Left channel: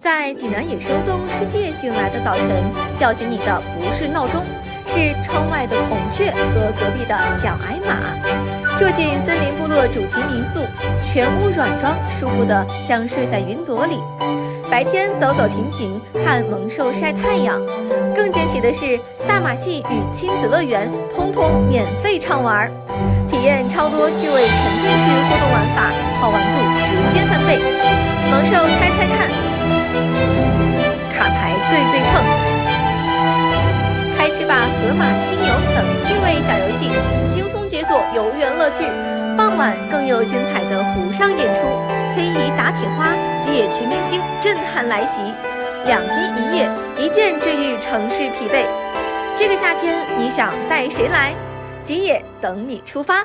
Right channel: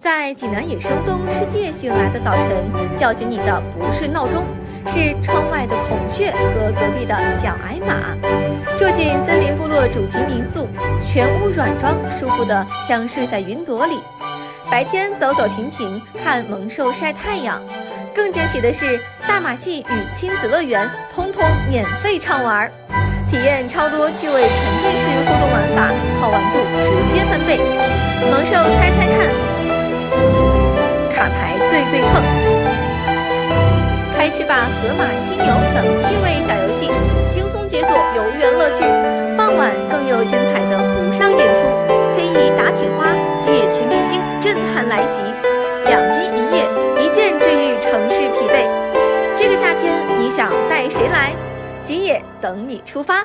在济南野生动物世界醒来的早晨，叫醒你的不是闹钟，是窗外的孔雀和隔壁的小矮马。住进森林部落主题民宿，全屋软装，舒服的像睡在云朵里。白天走走停停，看猛兽晒太阳。更惊喜的是，大马戏与亲子乐园通通免费畅玩，体验超多趣味沉浸式互动玩法，好玩度直接翻倍。猛兽猜猜看，卡牌对对碰，开吃吧河马犀牛等趣味小游戏，轻松解锁游园乐趣。傍晚更有精彩的湖上演出，非遗打铁花、吉野全明星震撼来袭，2天1夜，一键治愈城市疲惫。这个夏天你想带谁来？吉野等你出发。